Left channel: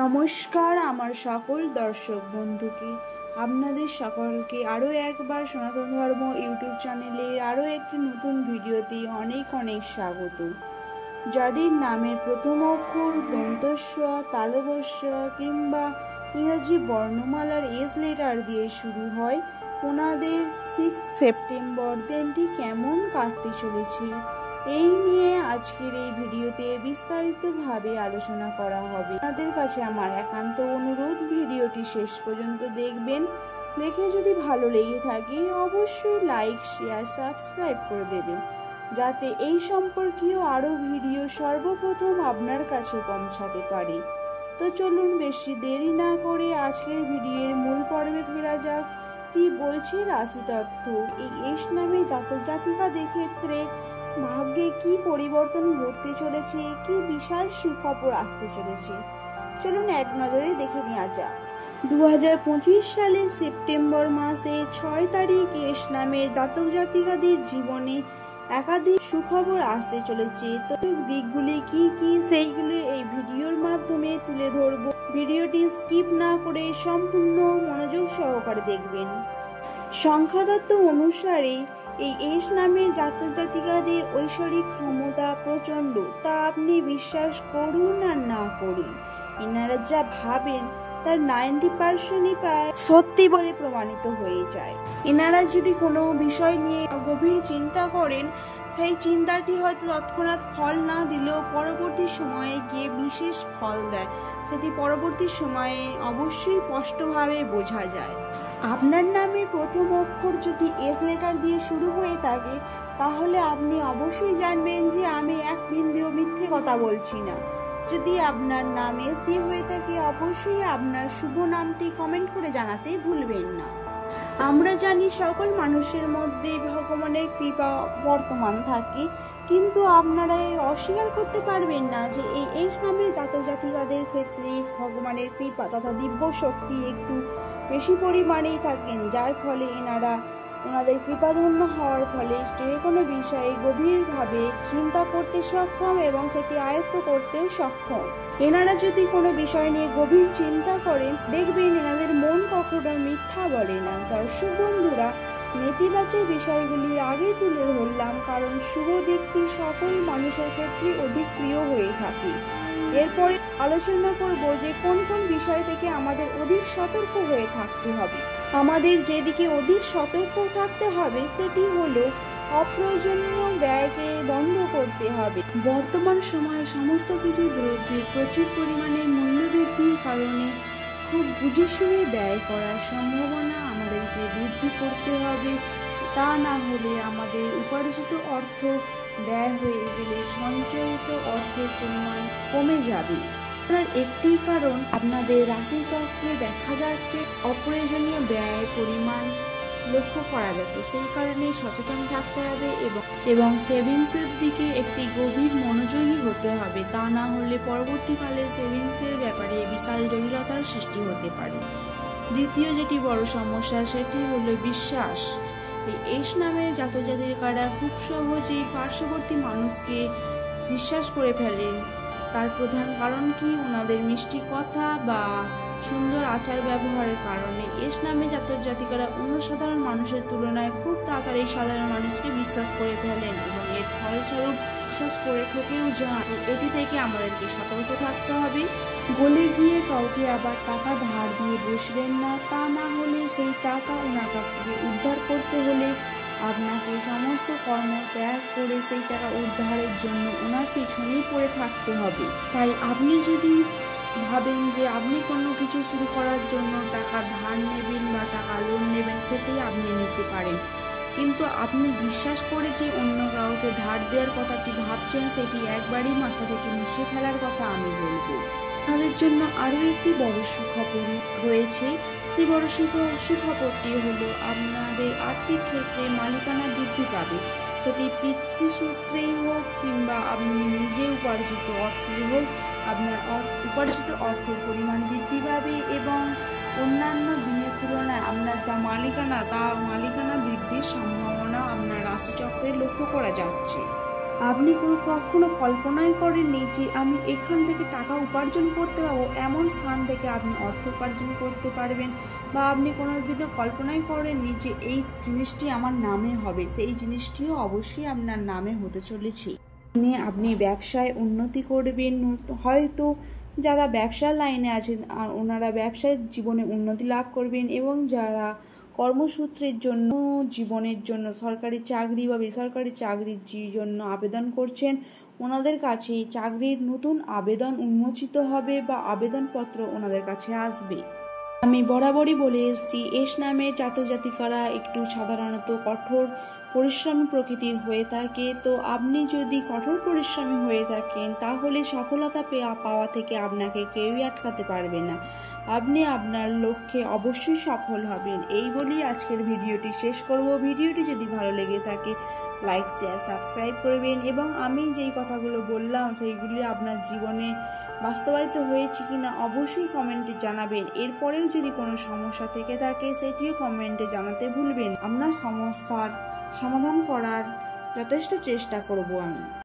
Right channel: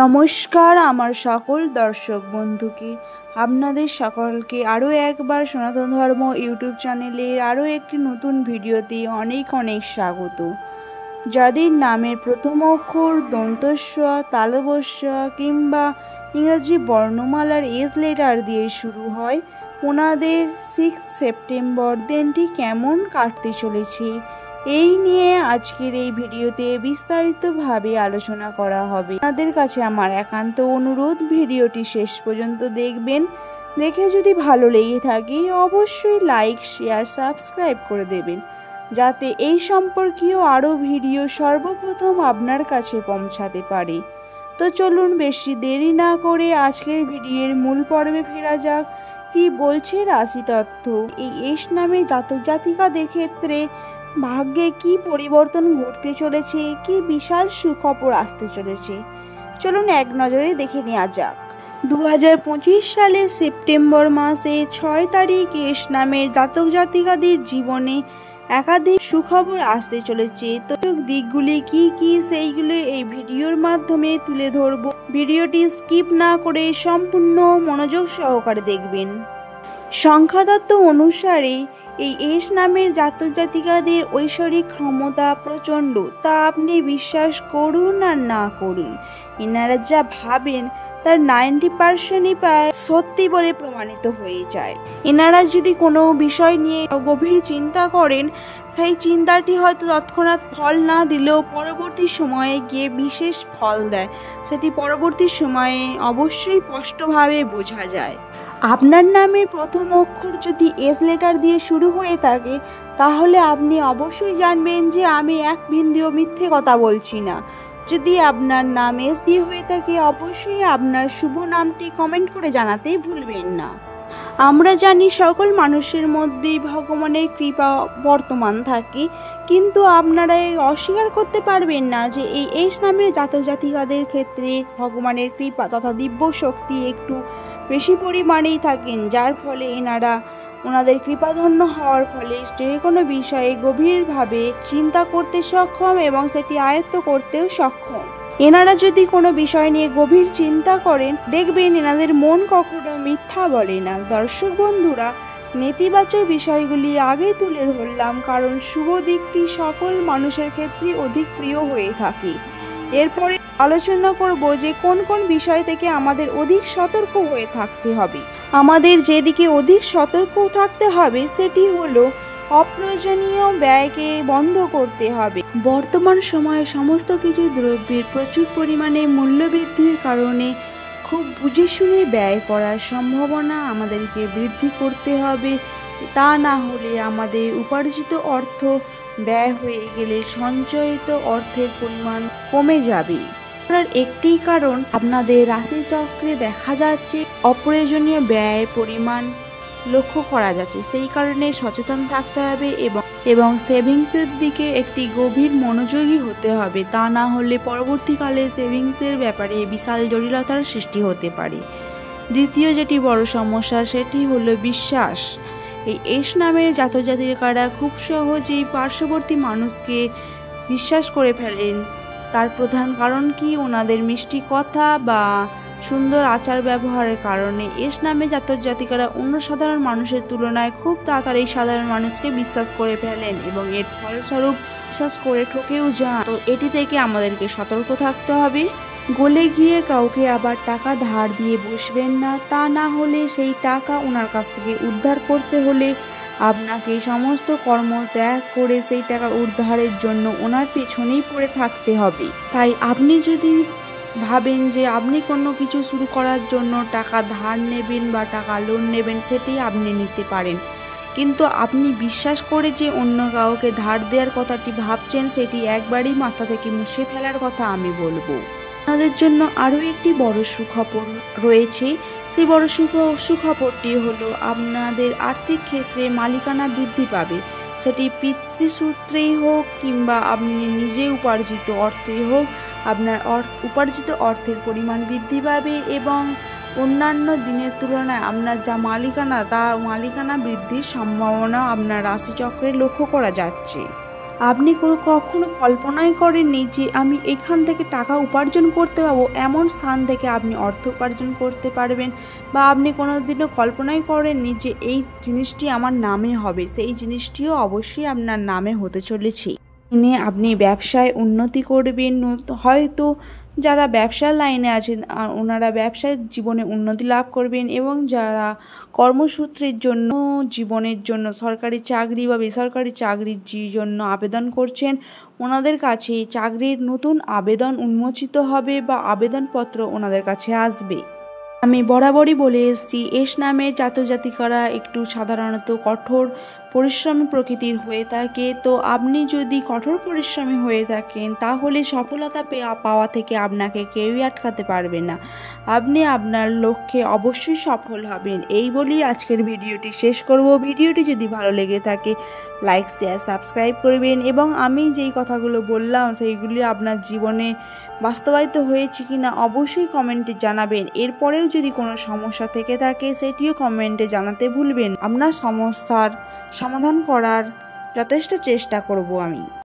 নমস্কার আমার সকল দর্শক বন্ধুকে, আপনাদের সকলকে আরও একবার সনাতন ধর্ম ইউটিউব চ্যানেলের আরও একটি নতুন ভিডিওতে অনেক অনেক স্বাগত। যাদের নামের প্রথম অক্ষর দন্তস্ব, তালবস্য কিংবা ইংরাজি বর্ণমালার এস লেটার দিয়ে শুরু হয়, ওনাদের 6 সেপ্টেম্বর দিনটি কেমন কাটতে চলেছে এই নিয়ে আজকের এই ভিডিওতে বিস্তারিতভাবে আলোচনা করা হবে। আপনাদের কাছে আমার একান্ত অনুরোধ, ভিডিওটি শেষ পর্যন্ত দেখবেন। দেখে যদি ভালো লেগে থাকে অবশ্যই লাইক, শেয়ার, সাবস্ক্রাইব করে দেবেন, যাতে এই সম্পর্কীয় আরও ভিডিও সর্বপ্রথম আপনার কাছে পৌঁছাতে পারে। তো চলুন বেশি দেরি না করে আজকের ভিডিওর মূল পর্বে ফেরা যাক। কি বলছে রাশি তত্ত্ব? এই এস নামে জাতক জাতিকাদের ক্ষেত্রে ভাগ্যে কি পরিবর্তন ঘটতে চলেছে, কি বিশাল সুখবর আসতে চলেছে, চলুন এক নজরে দেখে নেওয়া যাক। 2025 সালের সেপ্টেম্বর মাসে 6 তারিখ এস নামের জাতক জাতিকাদের জীবনে একাধিক সুখবর আসতে চলেছে। তো দিকগুলি কি কি সেইগুলো এই ভিডিওর মাধ্যমে তুলে ধরবো। ভিডিওটি স্কিপ না করে সম্পূর্ণ মনোযোগ সহকারে দেখবেন। সংখ্যাতত্ত্ব অনুসারে এই এস নামের জাতক জাতিকাদের ঐশ্বরিক ক্ষমতা প্রচণ্ড, তা আপনি বিশ্বাস করুন আর না করুন, এনারা যা ভাবেন তার 90%ই প্রায় সত্যি বলে প্রমাণিত হয়ে যায়। এনারা যদি কোনো বিষয় নিয়ে গভীর চিন্তা করেন, সেই চিন্তাটি হয়তো তৎক্ষণাৎ ফল না দিলেও পরবর্তী সময়ে গিয়ে বিশেষ ফল দেয়। সেটি পরবর্তী সময়ে অবশ্যই স্পষ্টভাবে বোঝা যায়। আপনার নামের প্রথম অক্ষর যদি এস লেটার দিয়ে শুরু হয়ে থাকে, তাহলে আপনি অবশ্যই জানবেন যে আমি এক বিন্দুও মিথ্যে কথা বলছি না। যদি আপনার নাম এস দিয়ে হয়ে থাকে, অবশ্যই আপনার শুভ নামটি কমেন্ট করে জানাতে ভুলবেন না। আমরা জানি সকল মানুষের মধ্যেই ভগবানের কৃপা বর্তমান থাকে, কিন্তু আপনারা অস্বীকার করতে পারবেন না যে এই এস নামের জাতক জাতিকাদের ক্ষেত্রে ভগবানের কৃপা তথা দিব্য শক্তি একটু বেশি পরিমাণেই থাকেন, যার ফলে এনারা ওনাদের কৃপাধন্য হওয়ার ফলে যে কোনো বিষয়ে গভীরভাবে চিন্তা করতে সক্ষম এবং সেটি আয়ত্ত করতেও সক্ষম। এনারা যদি কোনো বিষয় নিয়ে গভীর চিন্তা করেন, দেখবেন এনাদের মন কখনো মিথ্যা বলে না। দর্শক বন্ধুরা, নেতিবাচক বিষয়গুলি আগে তুলে ধরলাম, কারণ শুভ দিকটি সকল মানুষের ক্ষেত্রে অধিক প্রিয় হয়ে থাকে। এরপরে আলোচনা করব যে কোন কোন বিষয় থেকে আমাদের অধিক সতর্ক হয়ে থাকতে হবে। আমাদের যেদিকে অধিক সতর্ক থাকতে হবে সেটি হলো অপ্রয়োজনীয় ব্যয়কে বন্ধ করতে হবে। বর্তমান সময়ে সমস্ত কিছু দ্রব্যের প্রচুর পরিমাণে মূল্যবৃদ্ধির কারণে খুব বুঝে শুনে ব্যয় করার সম্ভাবনা আমাদেরকে বৃদ্ধি করতে হবে। তা না হলে আমাদের উপার্জিত অর্থ ব্যয় হয়ে গেলে সঞ্চয়িত অর্থের পরিমাণ কমে যাবে। একটি কারণ আপনাদের রাশিচক্রে দেখা যাচ্ছে অপ্রয়োজনীয় ব্যয়ের পরিমাণ লক্ষ্য করা যাচ্ছে, সেই কারণে সচেতন থাকতে হবে এবং সেভিংসের দিকে একটি গভীর মনোযোগী হতে হবে। তা না হলে পরবর্তীকালে সেভিংসের ব্যাপারে বিশাল জটিলতার সৃষ্টি হতে পারে। দ্বিতীয় যেটি বড় সমস্যা সেটি হলো বিশ্বাস। এই এস নামের জাতক জাতিকারা খুব সহজেই পার্শ্ববর্তী মানুষকে বিশ্বাস করে ফেলেন। তার প্রধান কারণ কি? ওনাদের মিষ্টি কথা বা সুন্দর আচার ব্যবহারের কারণে এস নামে জাতক জাতিকারা অন্য সাধারণ মানুষের তুলনায় খুব তাড়াতাড়ি সাধারণ মানুষকে বিশ্বাস করে ফেলেন এবং এর ফলস্বরূপ বিশ্বাস করে ঠকেও যান। তো এটি থেকে আমাদেরকে সতর্ক থাকতে হবে। গলে গিয়ে কাউকে আবার টাকা ধার দিয়ে বসবেন না, তা না হলে সেই টাকা ওনার কাছ থেকে উদ্ধার করতে হলে আপনাকে সমস্ত কর্ম ত্যাগ করে সেই টাকা উদ্ধারের জন্য ওনার পেছনেই পড়ে থাকতে হবে। তাই আপনি যদি ভাবেন যে আপনি কোনো কিছু শুরু করার জন্য টাকা ধার নেবেন বা টাকা লোন নেবেন, সেটি আপনি নিতে পারেন, কিন্তু আপনি বিশ্বাস করে যে অন্য কাউকে ধার দেওয়ার কথাটি ভাবছেন, সেটি একবারই মাথা থেকে মুছে ফেলার কথা আমি বলবো। আপনাদের জন্য আরও একটি বড় সুখবর রয়েছে। সেই বড় সুখবরটি হলো আপনাদের আর্থিক ক্ষেত্রে মালিকানা বৃদ্ধি পাবে। সেটি পিতৃসূত্রেই হোক কিংবা আপনি নিজে উপার্জিত অর্থেই হোক, আপনার উপার্জিত অর্থের পরিমাণ বৃদ্ধি পাবে এবং অন্যান্য দিনের তুলনায় আপনার যা মালিকানা, তা মালিকানা বৃদ্ধির সম্ভাবনা আপনার রাশিচক্রে লক্ষ্য করা যাচ্ছে। আপনি কখনো কল্পনাই করেননি যে আমি এখান থেকে টাকা উপার্জন করতে পারবো, এমন স্থান থেকে আপনি অর্থ উপার্জন করতে পারবেন, বা আপনি কোনোদিনও কল্পনাই করেননি যে এই জিনিসটি আমার নামে হবে, সেই জিনিসটিও অবশ্যই আপনার নামে হতে চলেছে। নিয়ে আপনি ব্যবসায় উন্নতি করবেন, হয়তো যারা ব্যবসার লাইনে আছেন ওনারা ব্যবসায় জীবনে উন্নতি লাভ করবেন, এবং যারা কর্মসূত্রের জন্য জীবনের জন্য সরকারি চাকরি বা বেসরকারি চাকরির জন্য আবেদন করছেন, ওনাদের কাছে চাকরির নতুন আবেদন উন্মোচিত হবে বা আবেদনপত্র ওনাদের কাছে আসবে। আমি বরাবরই বলে এসেছি, এস নামে জাতজাতিকারা একটু সাধারণত কঠোর পরিশ্রমী প্রকৃতির হয়ে থাকে। তো আপনি যদি কঠোর পরিশ্রমী হয়ে থাকেন তাহলে সফলতা পাওয়া থেকে আপনাকে কেউই আটকাতে পারবে না। আপনি আপনার লক্ষ্যে অবশ্যই সফল হবেন। এই বলেই আজকের ভিডিওটি শেষ করব। ভিডিওটি যদি ভালো লেগে থাকে লাইক শেয়ার সাবস্ক্রাইব করবেন, এবং আমি যেই কথাগুলো বললাম সেইগুলি আপনার জীবনে বাস্তবায়িত হয়েছে কিনা অবশ্যই কমেন্টে জানাবেন। এরপরেও যদি কোনো সমস্যা থেকে থাকে সেটিও কমেন্টে জানাতে ভুলবেন। আপনার সমস্যার সমাধান করার যথেষ্ট চেষ্টা করব আমি।